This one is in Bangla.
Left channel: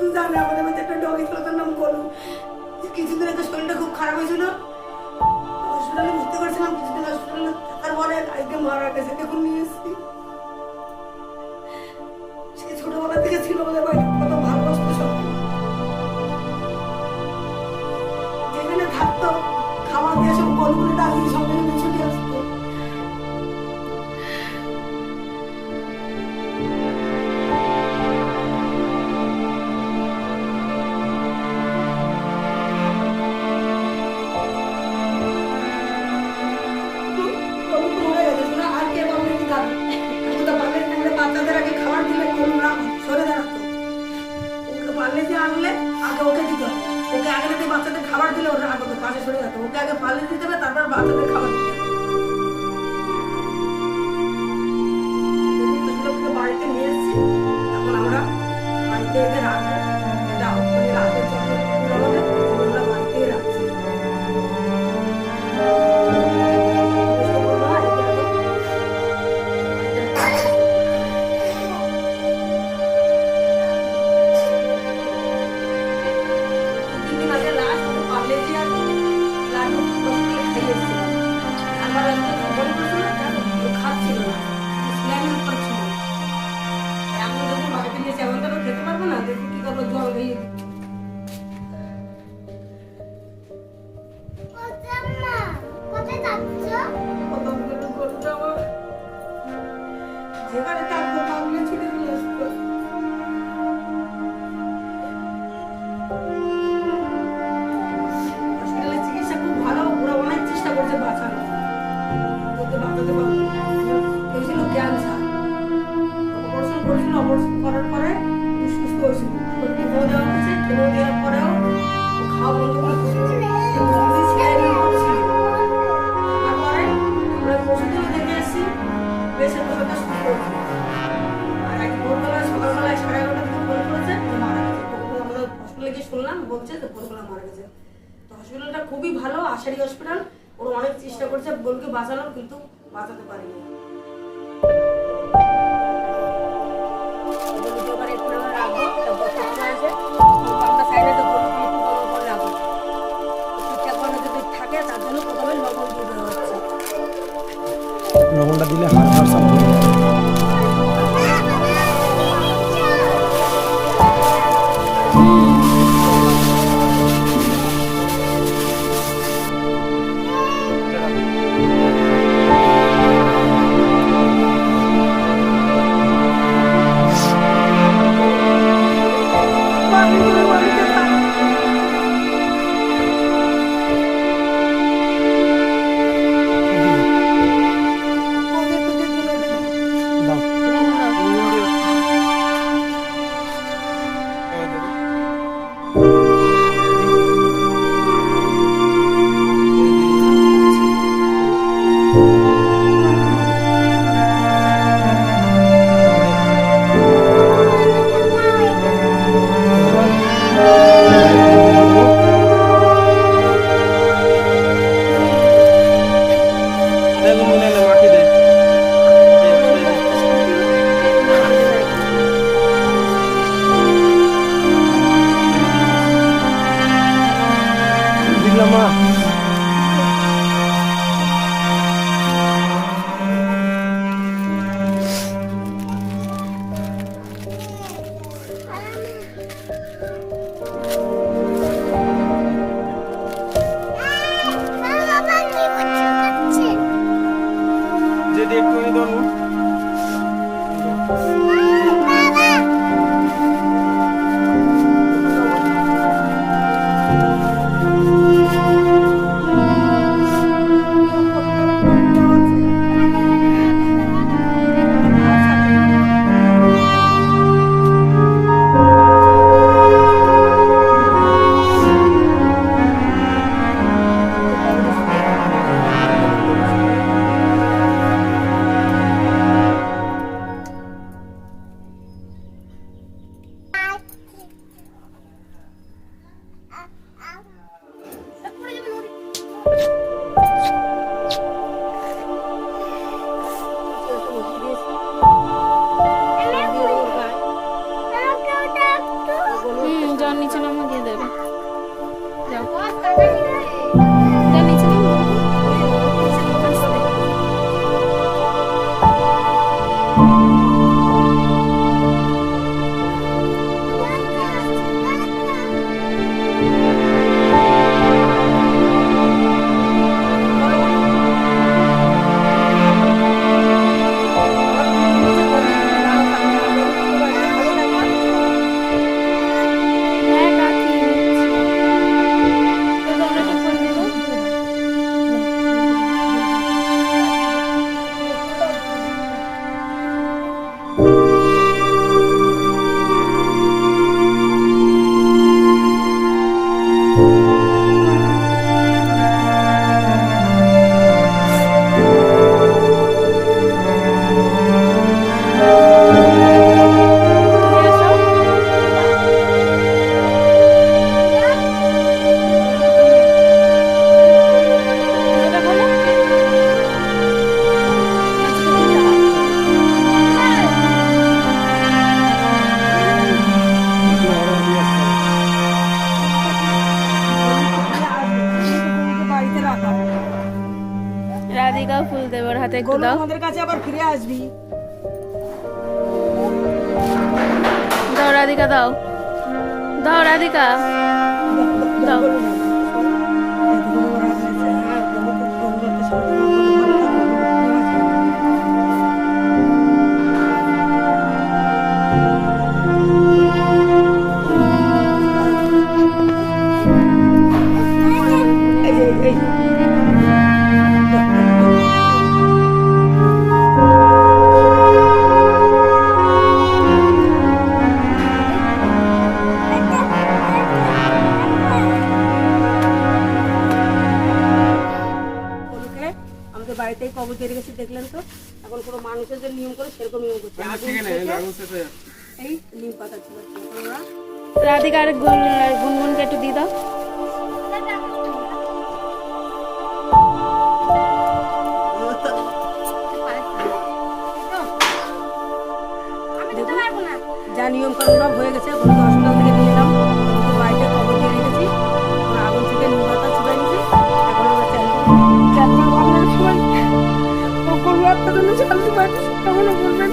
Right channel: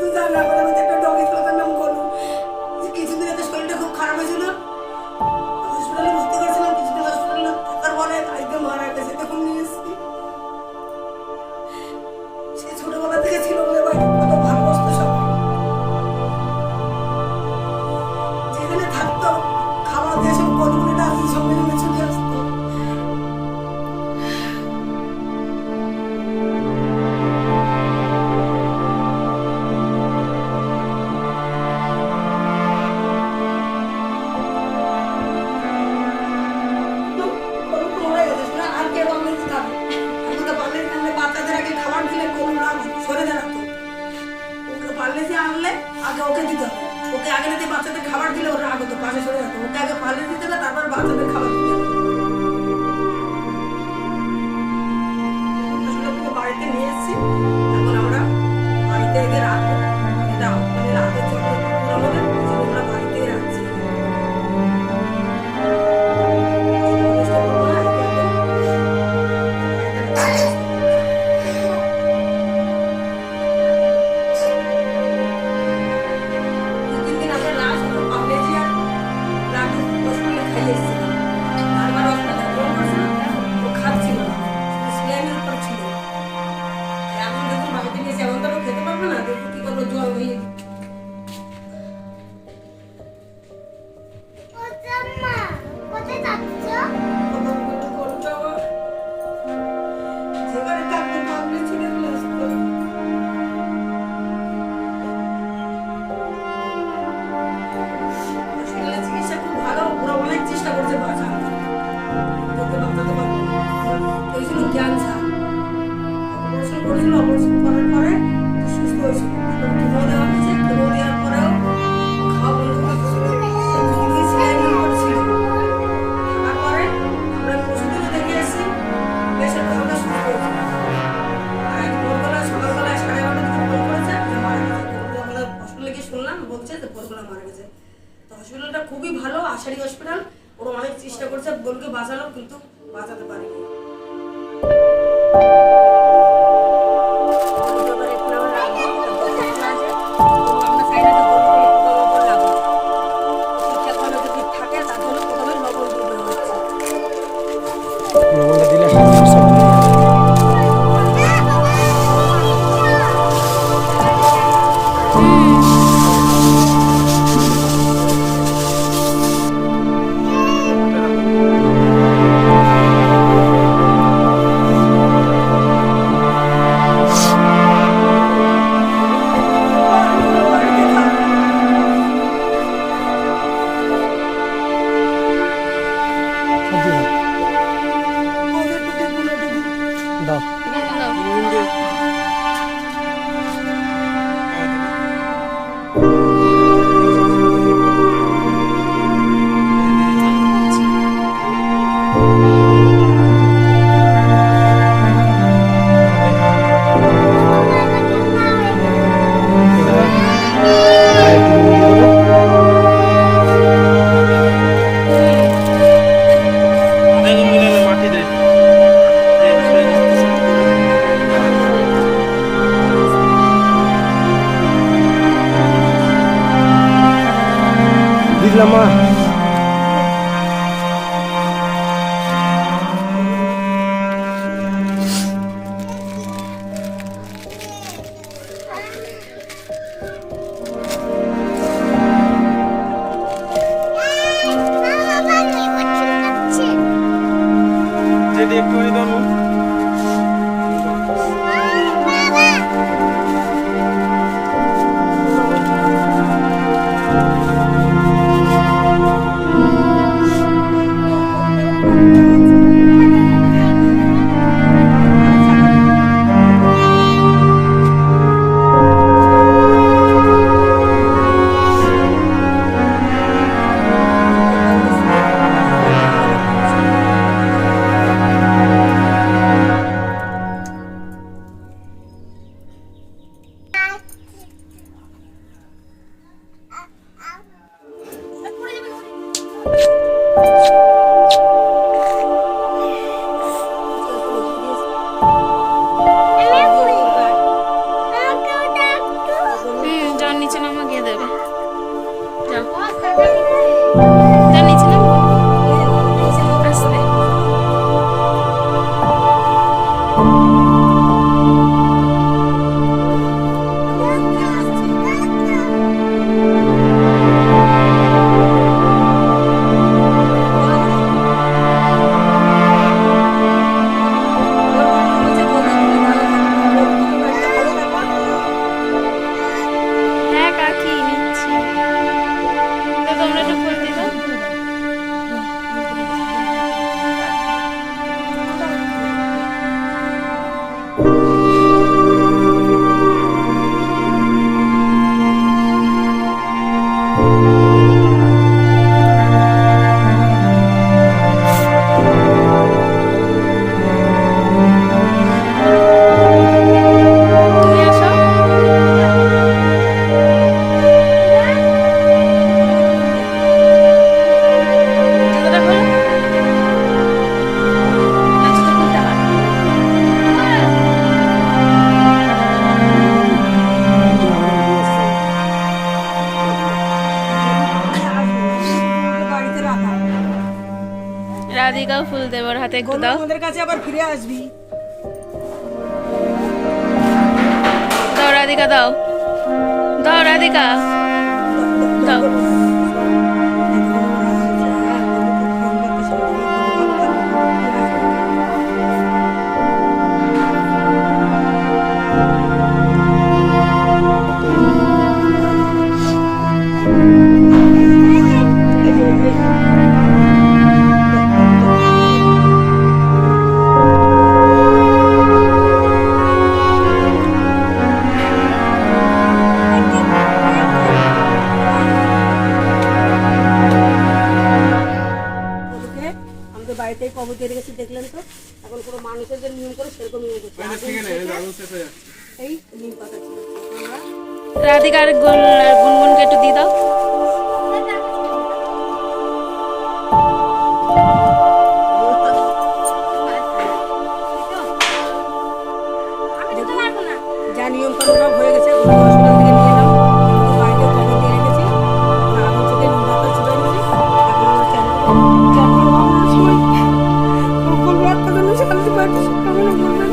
তুই জানি আমাদের মধ্যে একটা ডগিস কথার নাম গলু। কিছুদিন এত শরীরটা খুব খারাপ হয়েছিল। হসপিটালে ভর্তি করেছিলাম, কিছুদিন হসপিটালে থাকার আজকে মারা গেছে। দেখুন, নিয়ে এসেছি। বাচ্চাদের খাবার দিলে ওর রাগ হতো পাশে সরে যেত। ওকে আগে পালিয়ে দিতে হবে, তারপর বাচ্চাদের খাবার দিতে বাড়িতে নিয়ে এসেছি। এখন আমরা বাড়িতে রাখব। ফেলে এসেছিলাম তারপর আপনাকে ফোন করেছিলাম ও খাচ্ছিল না স্ল্যামের উপর ছিল। এখন দেখুন বাড়িতে নিয়ে এসে এখন তো খেতে পারব না? দেখুন কী করব, জল হয়ে বলছে যে ভোরবেলা মারা গেছে। তো হসপিটালটা খুবই ভালো, আশারি হসপিটাল ওরা অনেক চেষ্টা করছে বোনকে বাঁচালো কিন্তু বাঁচাতে পারেনি। যাও নিচে নামা গিয়ে দেবে। যাও। Música রাধিকাও ফুল দেব ওর হাতে একটু দাও। আমাদের কাছে আবার ফিরে আসবি। দাও রাধিকা দাও। দাও রাধিকা। দাও। বাড়িতেই কবর দিয়ে রেখেছি দেখলেন তো? এখন কোনো মানুষের যে নিয়ম করে সেরকম নিয়ম করছে। এই নিম পাতা ছিল। রাধিকার গুনগুনকে একটু দিয়ে দাও। যা নিয়ম কানুন সব হয়ে গেছে গরুকে হসপিটাল থেকে নিয়ে এলাম। গরুকে বাড়িতে কবর দিয়ে রেখেছি। আমরা আগুন থেকে নিম পাতা চুবাই নিয়েছি এখন আমরা চ্যান করব। চ্যান করব আপনার সময়? গরু আপনার জন্য শান্তি পাচ্ছি কখনো বলবেন